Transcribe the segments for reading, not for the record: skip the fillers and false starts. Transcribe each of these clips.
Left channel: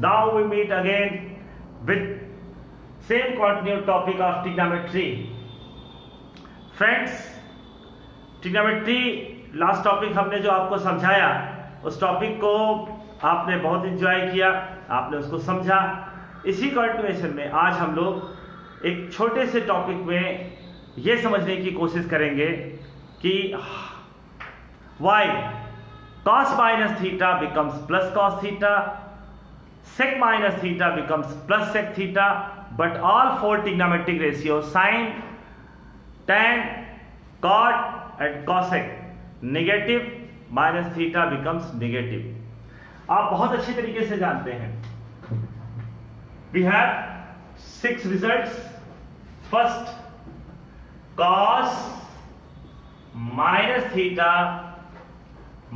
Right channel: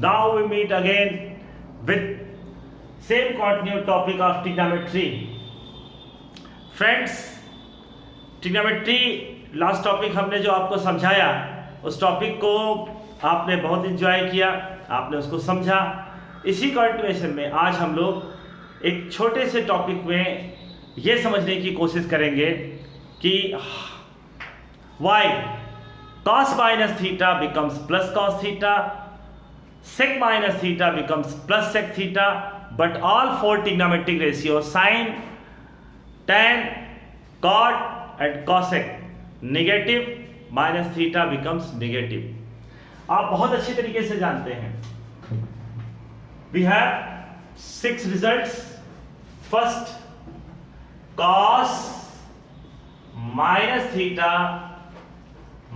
now we meet again with same continued topic of trigonometry. Friends, trigonometry last topic हमने जो आपको समझाया, उस टॉपिक को आपने बहुत एंजॉय किया, आपने उसको समझा। इसी कंटिन्यूएशन में आज हम लोग एक छोटे से टॉपिक में ये समझने की कोशिश करेंगे कि why cos minus theta becomes plus cos theta, sec minus theta becomes plus sec theta, but all four trigonometric ratios sin, tan, cot and cosec negative minus theta becomes negative. आप बहुत अच्छी तरीके से जानते हैं। We have 6 results. First, cos minus theta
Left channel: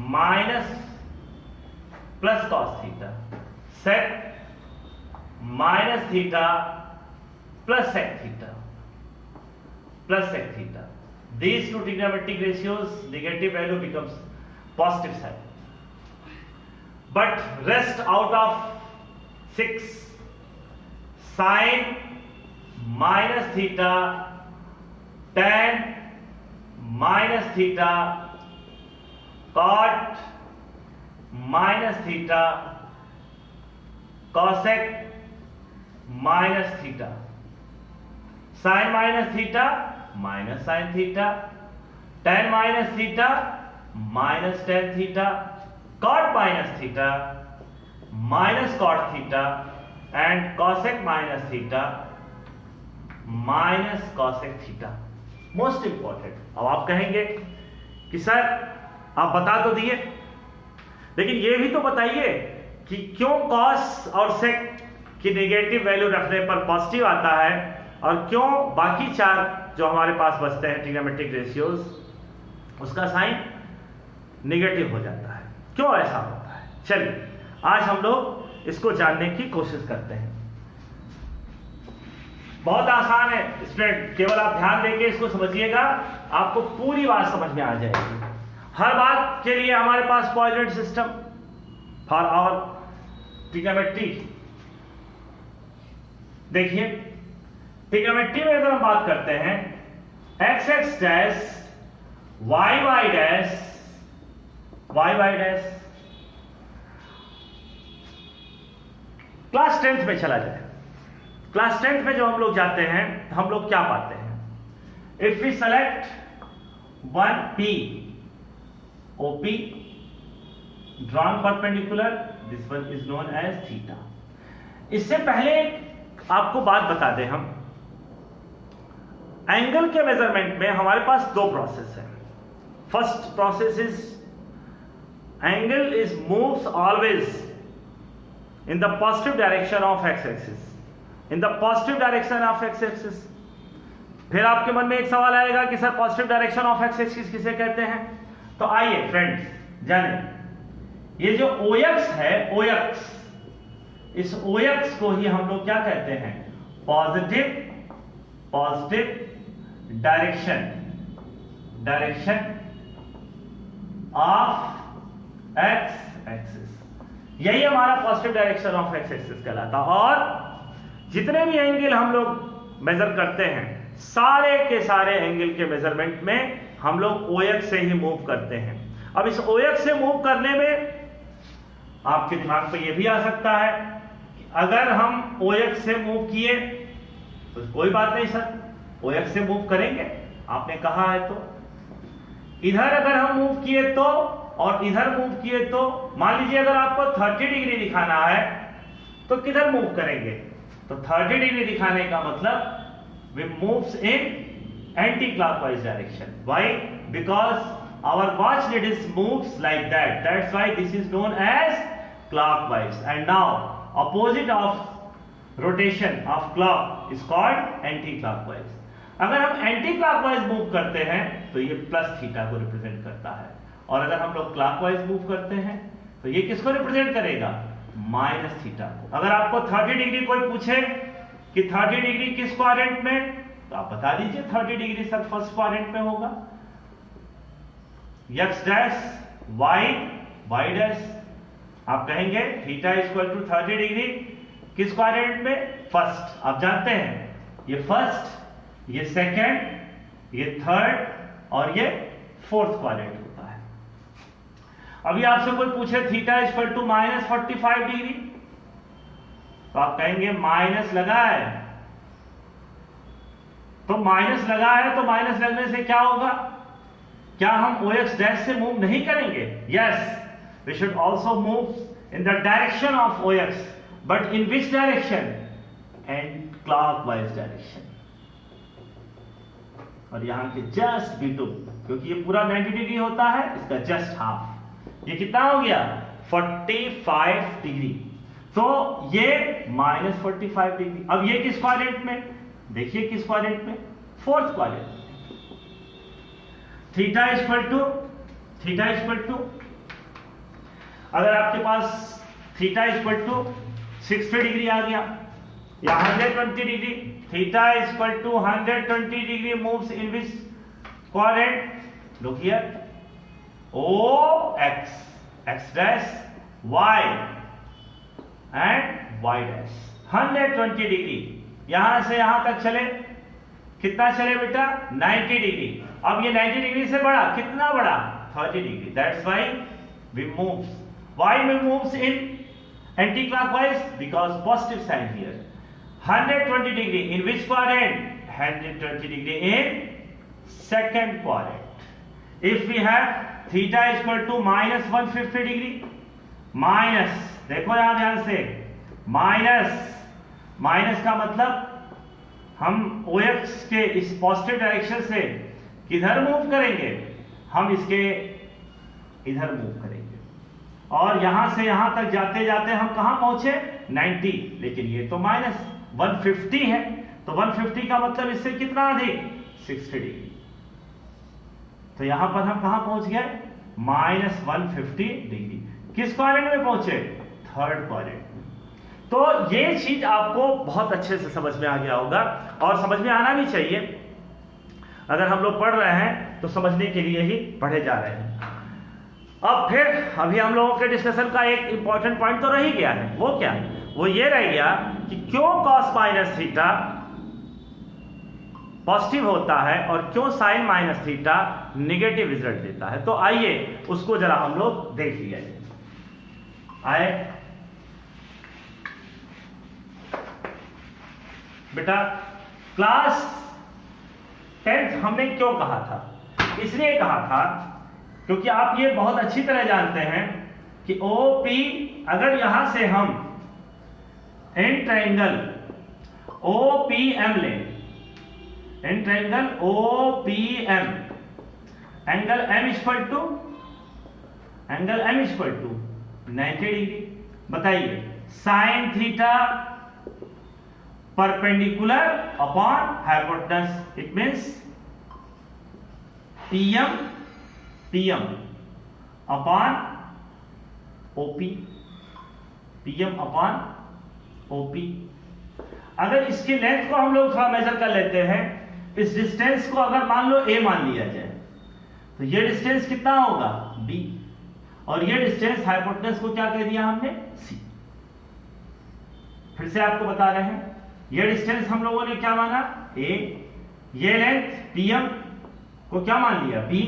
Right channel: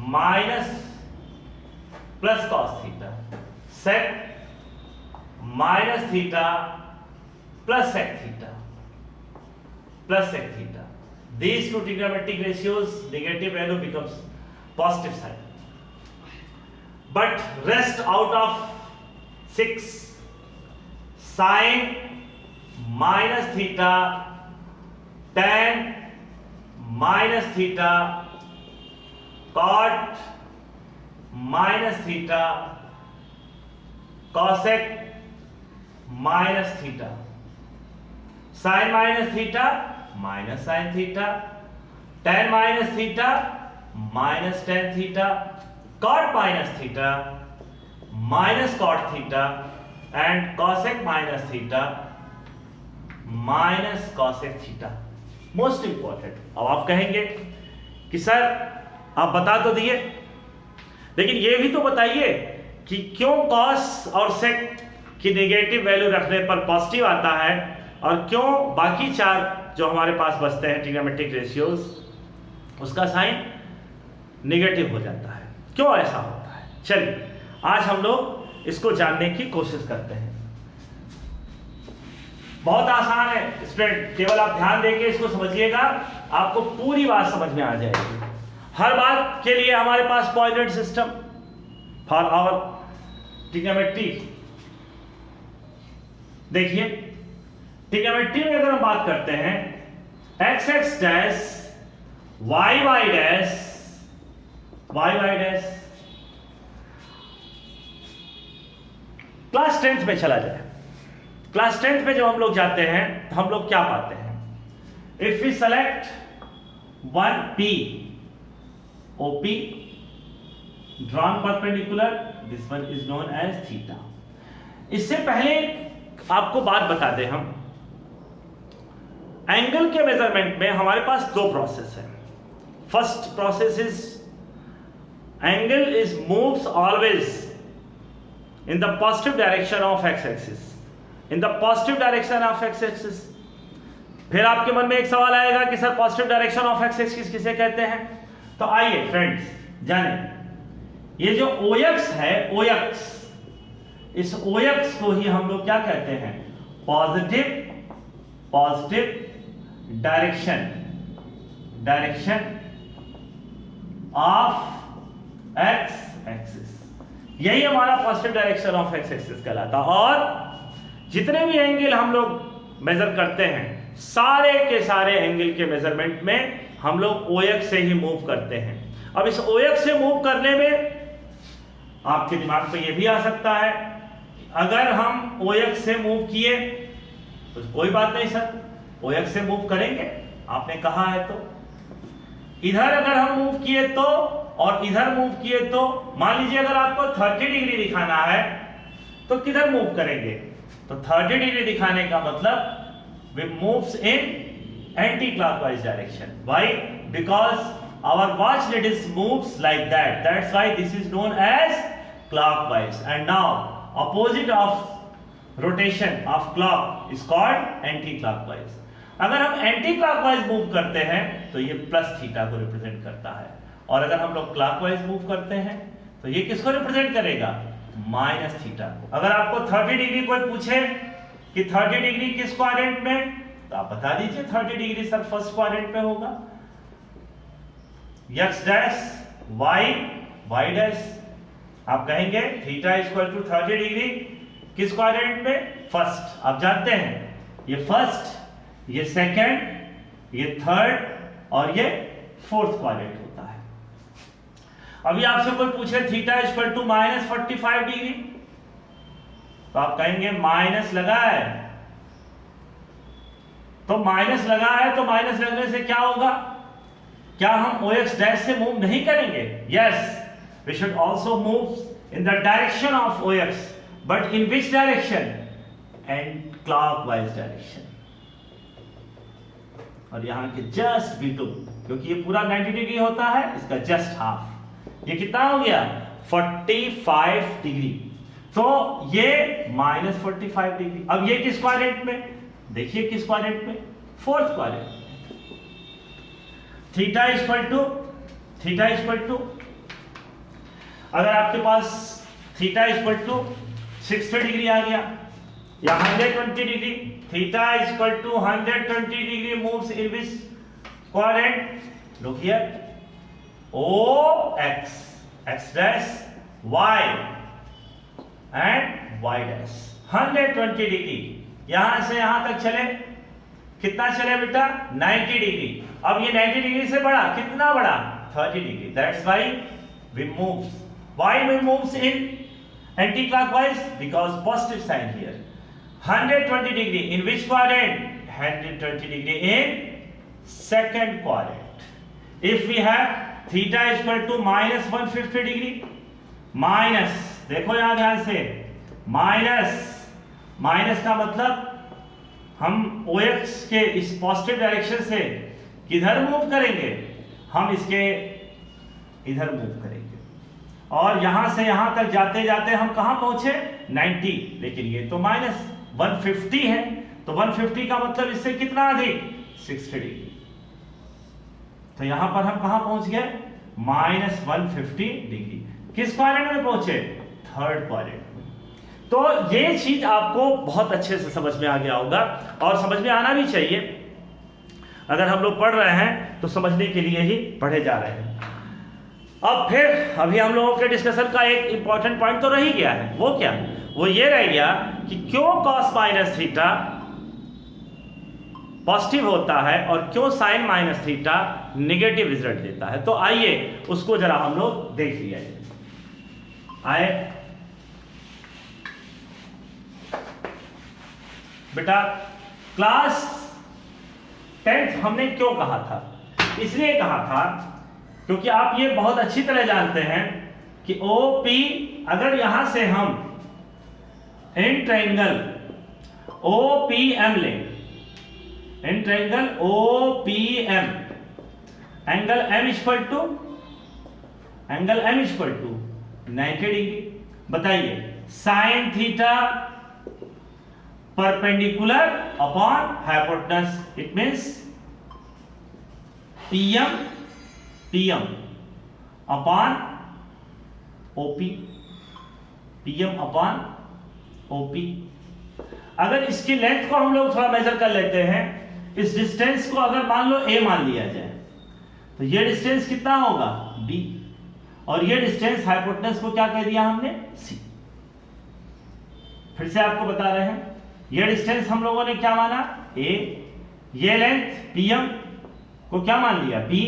minus plus cos theta, sec minus theta plus sec theta, plus sec theta. These two trigonometric ratios, negative value becomes positive side. But rest out of 6, sin minus theta, tan minus theta, cot minus theta, cosec minus theta, sin minus theta minus sin theta, tan minus theta minus tan theta, cot minus theta minus cot theta and cosec minus theta minus cosec theta. Most important. अब आप कहेंगे कि sir आप बता तो दिए, लेकिन ये भी तो बताइए कि क्यों कॉस और सेक की नेगेटिव वैल्यू रखने पर पॉजिटिव आता है और क्यों बाकी 4 जो हमारे पास बचते हैं ट्रिग्नोमेट्रिक रेशियोज, उसका साइन नेगेटिव हो जाता है। क्यों ऐसा होता है? चलिए आज हम लोग इसको जानने की कोशिश करते हैं। बहुत आसान है स्टूडेंट, केवल आप ध्यान देके इसको समझिएगा, आपको पूरी बात समझ में आ जाएगी। हर बात के लिए हमारे पास coordinate system for our trigonometry. देखिए ट्रिग्नोमेट्री में अगर हम बात करते हैं X X dash Y Y dash class 10th में चला जाए। क्लास 10th में जब हम लोग जाते हैं तो हम लोग क्या पाते हैं? If we select 1P OP drawn perpendicular, this one is known as theta. इससे पहले आपको बात बता दें, हम एंगल के मेजरमेंट में हमारे पास 2 प्रोसेस है। First process is angle is moves always in the positive direction of x-axis, in the positive direction of x-axis। फिर आपके मन में एक सवाल आएगा कि sir positive direction of x-axis किसे कहते हैं? तो आइए फ्रेंड्स जाने, ये जो OX है, OX, इस OX को ही हम लोग क्या कहते हैं? Positive direction of x-axis। यही हमारा positive direction of x axis कहलाता है। और जितने भी एंगल हम लोग मेजर करते हैं, सारे के सारे एंगल के मेजरमेंट में हम लोग OX से ही मूव करते हैं। अब इस OX से मूव करने में आपके दिमाग पे ये भी आ सकता है कि अगर हम OX से मूव किए तो कोई बात नहीं सर, OX से मूव करेंगे, आपने कहा है तो। इधर अगर हम मूव किए तो और इधर मूव किए तो, मान लीजिए अगर आपको 30 डिग्री दिखाना है तो किधर मूव करेंगे? तो 30 डिग्री दिखाने का मतलब we moves in anti clockwise direction. Why? Because our watch needle moves like that, that's why this is known as clockwise. And now opposite of rotation of clock is called anti clockwise. अगर हम anti clockwise move करते हैं तो ये plus theta को represent करता है, और अगर हम लोग क्लॉकवाइज मूव करते हैं तो ये किसको रिप्रेजेंट करेगा? माइनस थीटा को। अगर आपको 30 डिग्री कोई पूछे कि 30 डिग्री किस क्वाड्रेंट में, तो आप बता दीजिए 30 डिग्री सर फर्स्ट क्वाड्रेंट में होगा। x डैश y डैश आप कहेंगे थीटा इक्वल टू 30 डिग्री किस क्वाड्रेंट में? फर्स्ट। आप जानते हैं ये फर्स्ट, ये सेकंड, ये थर्ड और ये फोर्थ क्वाड्रेंट होता है। अभी आपसे कोई पूछे थीटा इक्वल टू -45 डिग्री, तो आप कहेंगे माइनस लगा है, तो माइनस लगा है, तो माइनस लगने से क्या होगा? क्या हम OX डैश से मूव नहीं करेंगे? Yes, we should also move in the direction of OX, but in which direction? And clockwise direction. और यहां के जस्ट B2, क्योंकि ये पूरा 90 डिग्री होता है, इसका जस्ट हाफ, ये कितना हो गया? 45 डिग्री। तो ये -45 डिग्री। अब ये किस क्वाड्रेंट में? देखिए किस क्वाड्रेंट में? Fourth quadrant. Theta equal to अगर आपके पास थीटा इक्वल टू 60 डिग्री आ गया या 120 degree, theta equal to 120 degree moves in which quadrant? Look here, OX, X dash, Y and Y dash. 120 degree यहां से यहां तक चले, कितना चले बेटा? 90 डिग्री। अब ये 90 डिग्री से बड़ा, कितना बड़ा? 30 degree. That's why we moves, why we moves in anti clockwise? Because positive sign here. 120 degree in which quadrant? 120 degree in second quadrant. If we have theta equal to -150 degree, minus, देखो यहां ध्यान से, minus का मतलब हम OX के इस positive direction से किधर मूव करेंगे? हम इसके इधर मूव करेंगे, और यहां से यहां तक जाते जाते हम कहां पहुंचे? 90। लेकिन ये तो -150 है, तो 150 का मतलब इससे कितना अधिक? 60 डिग्री। तो यहां पर हम कहां पहुंच गए? -150 डिग्री। किस क्वाड्रेंट में पहुंचे? Third quadrant. तो ये चीज आपको बहुत अच्छे से समझ में आ गया होगा, और समझ में आना भी चाहिए। अगर हम लोग पढ़ रहे हैं तो समझने के लिए ही पढ़े जा रहे हैं। अब फिर अभी हम लोगों के डिस्कशन का एक इंपॉर्टेंट पॉइंट तो रह ही गया है। वो क्या? वो ये रह गया कि क्यों cos माइनस थीटा पॉजिटिव होता है और क्यों sin minus theta negative result देता है। तो आइए उसको जरा हम लोग देख लिया जाए। आए बेटा, क्लास 10th हमने क्यों कहा था? इसलिए कहा था क्योंकि आप ये बहुत अच्छी तरह जानते हैं कि OP, अगर यहां से हम इन ट्रायंगल OPM ले, in triangle OPM, angle M equal to 90 degree. बताइए, sine theta perpendicular upon hypotenuse, it means PM upon OP, PM upon OP। अगर इसकी लेंथ को हम लोग थोड़ा मेजर कर लेते हैं, इस डिस्टेंस को अगर मान लो A मान लिया जाए, तो ये डिस्टेंस कितना होगा? B, और ये डिस्टेंस हाइपोटेनस को क्या कह दिया हमने? C। फिर से आपको बता रहे हैं, ये डिस्टेंस हम लोगों ने क्या माना? A, ये लेंथ PM को क्या मान लिया? B,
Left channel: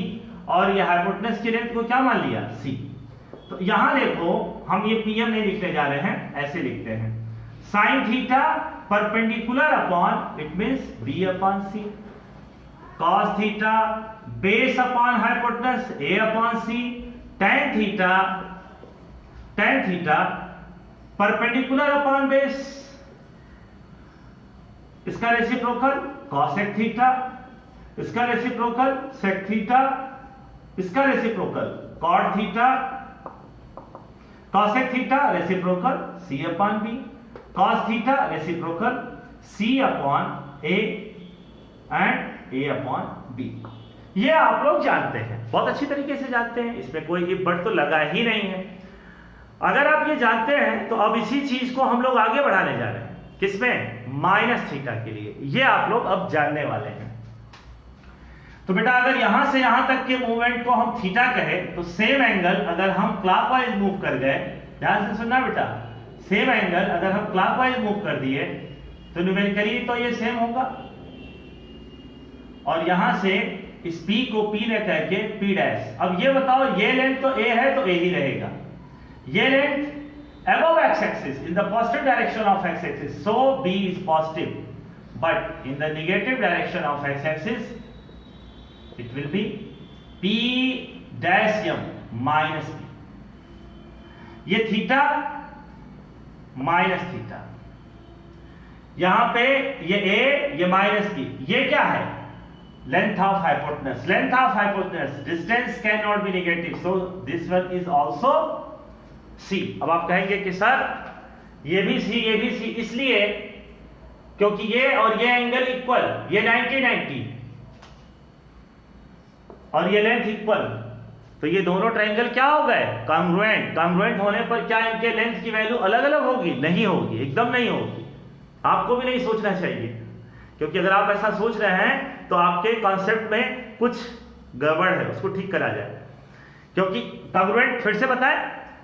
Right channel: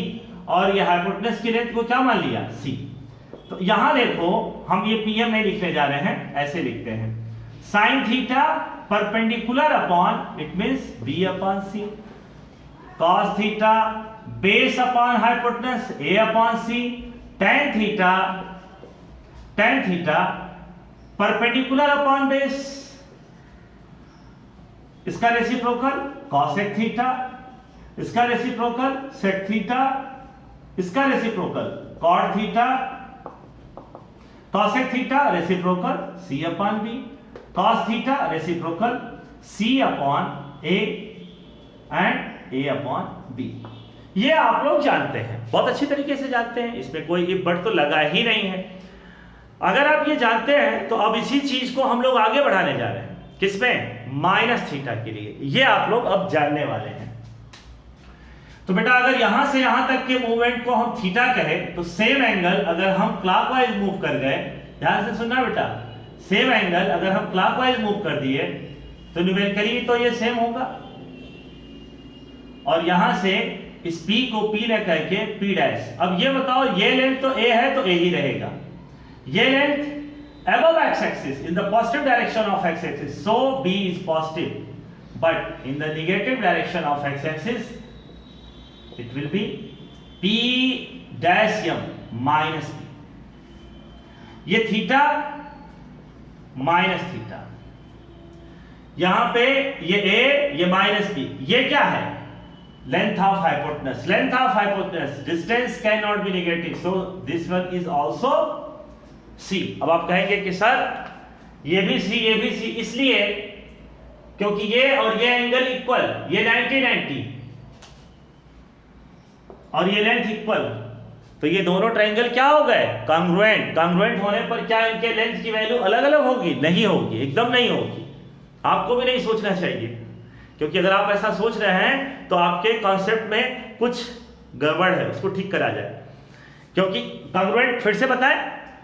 और ये हाइपोटेनस की लेंथ को क्या मान लिया? C। तो यहां देखो, हम ये PM नहीं लिखने जा रहे हैं, ऐसे लिखते हैं, sine theta perpendicular upon, it means B upon C, cos theta base upon hypotenuse A upon C, tan theta perpendicular upon base, इसका रेसिप्रोकल cosec थीटा, इसका रेसिप्रोकल sec थीटा, इसका reciprocal cot theta, cosec theta reciprocal C upon B, cos theta reciprocal C upon A and A upon B। ये आप लोग जानते हैं, बहुत अच्छी तरीके से जानते हैं, इसमें कोई इफ बट तो लगा ही नहीं है। अगर आप ये जानते हैं तो अब इसी चीज को हम लोग आगे बढ़ाने जा रहे हैं, किसमें? माइनस थीटा के लिए। ये आप लोग अब जानने वाले हैं। तो बेटा, अगर यहां से यहां तक के मूवमेंट को हम थीटा कहें, तो सेम एंगल अगर हम क्लॉकवाइज मूव कर गए, ध्यान से सुनना बेटा, सेम एंगल अगर हम क्लॉकवाइज मूव कर दिए तो न्यूमेरिकली तो ये सेम होगा, और यहां से इस P को P ने कह के P डैश। अब ये बताओ, ये लेंथ तो A है तो A ही रहेगा, ये length above x axis in the positive direction of x axis, so B is positive, but in the negative direction of x axis it will be P dash m minus P। ये theta minus theta, यहां पे ये A, ये minus B, ये क्या है? Length of hypotenuse. Length of hypotenuse, distance can not be negative, so this one is also C। अब आप कहेंगे कि सर ये भी C, ये भी C, इसलिए क्योंकि ये और ये एंगल इक्वल, ये 90-90 और ये लेंथ इक्वल, तो ये दोनों ट्रायंगल क्या हो गए? कॉन्ग्रुएंट। कॉन्ग्रुएंट होने पर क्या इनके लेंथ की वैल्यू अलग अलग होगी? नहीं होगी, एकदम नहीं होगी। आपको भी नहीं सोचना चाहिए, क्योंकि अगर आप ऐसा सोच रहे हैं तो आपके कॉन्सेप्ट में कुछ गड़बड़ है, उसको ठीक करा जाए। क्योंकि कॉन्ग्रुएंट फिर से बताएं,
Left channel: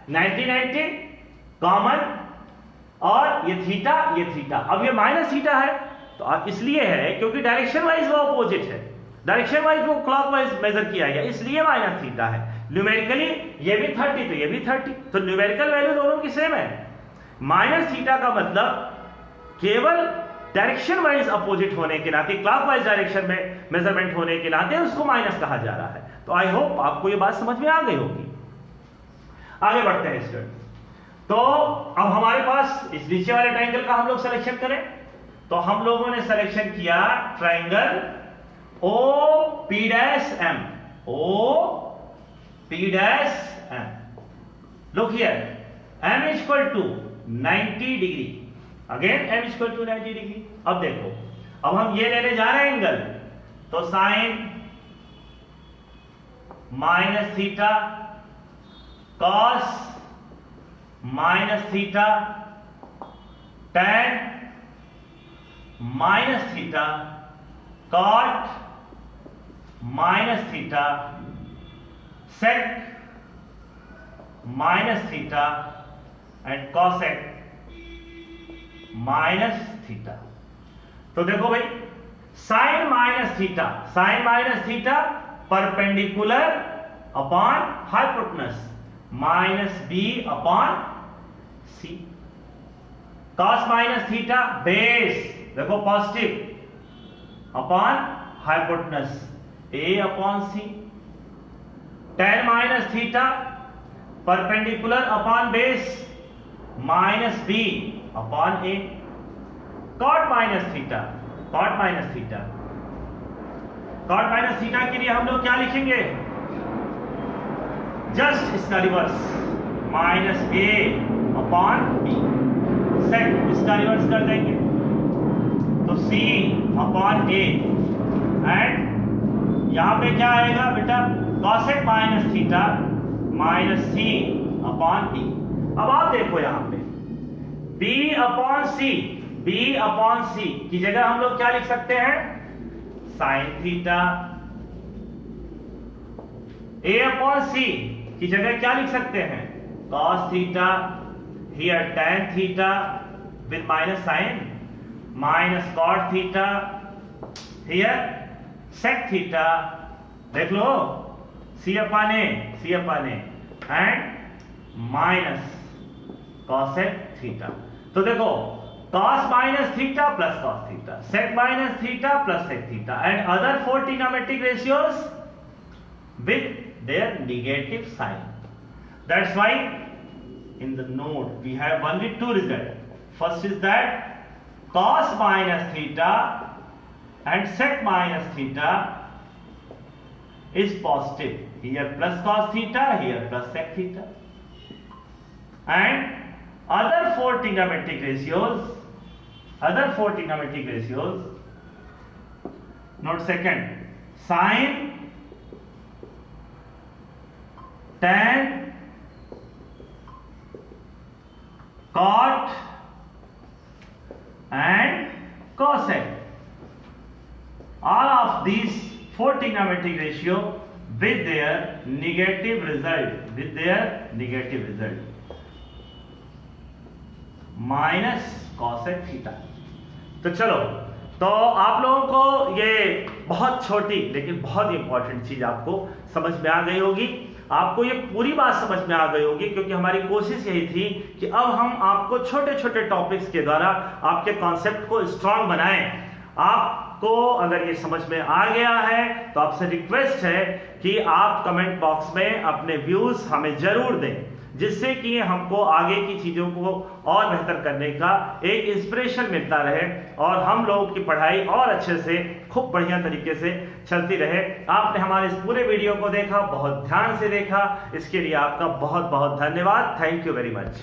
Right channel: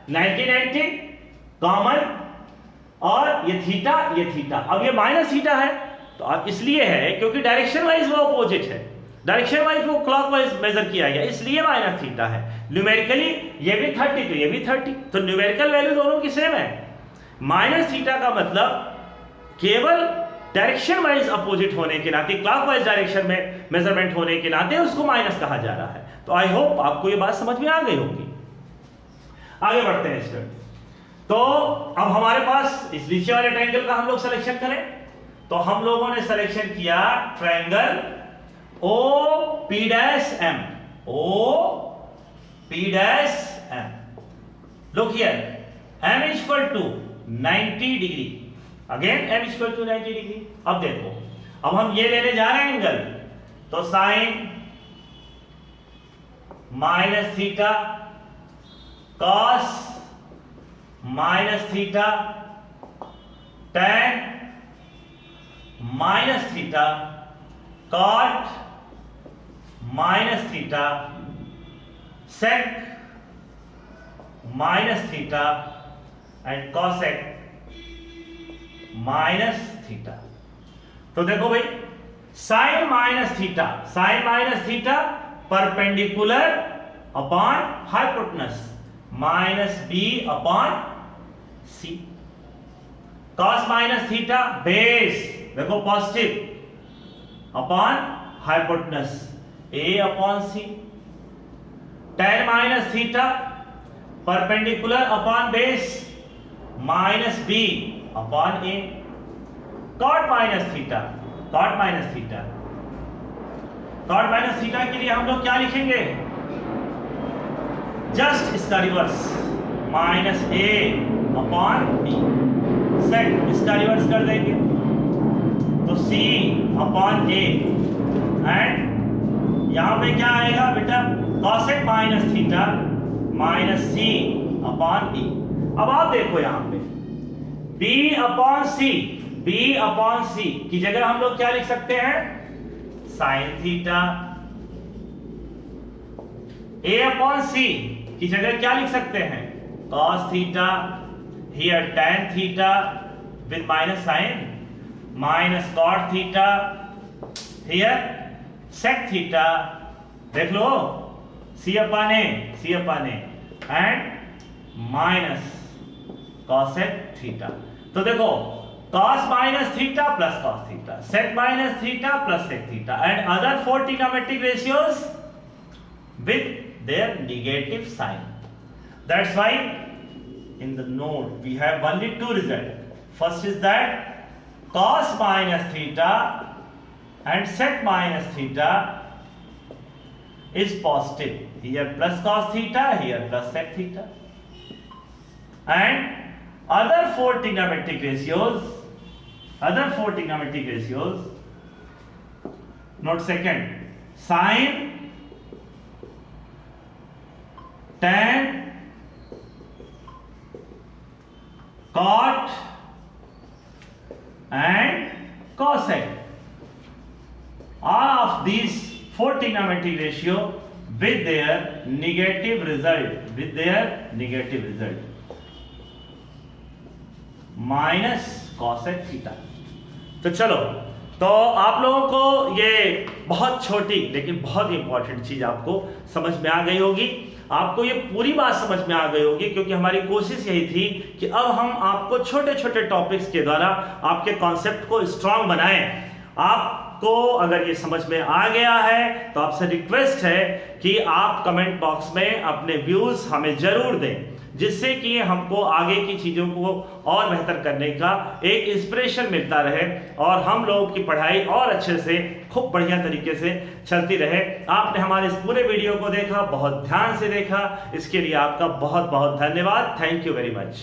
90-90 कॉमन, और ये थीटा, ये थीटा। अब ये माइनस थीटा है तो इसलिए है क्योंकि डायरेक्शन वाइज वो अपोजिट है, डायरेक्शन वाइज वो क्लॉकवाइज मेजर किया गया, इसलिए माइनस थीटा है। न्यूमेरिकली ये भी 30 तो ये भी 30, तो न्यूमेरिकल वैल्यू दोनों की सेम है। माइनस थीटा का मतलब केवल डायरेक्शन वाइज अपोजिट होने के नाते, क्लॉकवाइज डायरेक्शन में मेजरमेंट होने के नाते उसको माइनस कहा जा रहा है। तो आई होप आपको ये बात समझ में आ गई होगी। आगे बढ़ते हैं इस पर। तो अब हमारे पास इस नीचे वाले ट्रायंगल का हम लोग सिलेक्शन करें, तो हम लोगों ने सिलेक्शन किया triangle OP'M, OP'M। Look here, M is equal to 90 degree, again M is equal to 90 degree. अब देखो, अब हम ये लेने जा रहे हैं एंगल, तो sine minus theta, cos minus theta, tan minus theta, cot minus theta, sec minus theta and cosec minus theta. तो देखो भाई, sine minus theta, sine minus theta perpendicular upon hypotenuse minus B upon C. Cos minus theta base, देखो positive upon hypotenuse A upon C. tan minus theta perpendicular upon base minus B upon A. Cot minus theta, cot minus theta, cot minus theta के लिए हम लोग क्या लिखेंगे? Just इसका reverse, minus ए upon B. सेक इसका reverse कर देंगे तो सी अपॉन ए, एंड यहां पे क्या आएगा बेटा? Cosec minus theta minus C upon B. अब आप देखो यहां पे b upon C, b upon C की जगह हम लोग क्या लिख सकते हैं? Sine theta. a upon C की जगह क्या लिख सकते हैं? Cos theta. Here tan theta with minus sine, minus cot theta, here sec theta. देख लो, C upon A, C upon A, and minus cosec theta. तो देखो, cos minus theta plus cos theta, sec minus theta plus sec theta, and other 4 trigonometric ratios with their negative sign. That's why in the note we have only two results. First is that cos minus theta and sec minus theta is positive. Here plus cos theta, here plus sec theta. And other 4 trigonometric ratios, note second, sin, tan, cot and cosec. All of these 4 trigonometric ratio with their negative result, minus cosec theta. तो चलो, तो आप लोगों को ये बहुत छोटी लेकिन बहुत इंपॉर्टेंट चीज आपको समझ में आ गई होगी। आपको ये पूरी बात समझ में आ गई होगी, क्योंकि हमारी कोशिश यही थी कि अब हम आपको छोटे छोटे टॉपिक्स के द्वारा आपके कॉन्सेप्ट को स्ट्रांग बनाएं। आपको अगर ये समझ में आ गया है तो आपसे रिक्वेस्ट है कि आप कमेंट बॉक्स में अपने व्यूज हमें जरूर दें, जिससे कि हमको आगे की चीज़ों को और बेहतर करने का एक इंस्पिरेशन मिलता रहे और हम लोगों की पढ़ाई और अच्छे से खूब बढ़िया तरीके से चलती रहे। आपने हमारे इस पूरे वीडियो को देखा, बहुत ध्यान से देखा, इसके लिए आपका बहुत बहुत धन्यवाद। Thank you very much.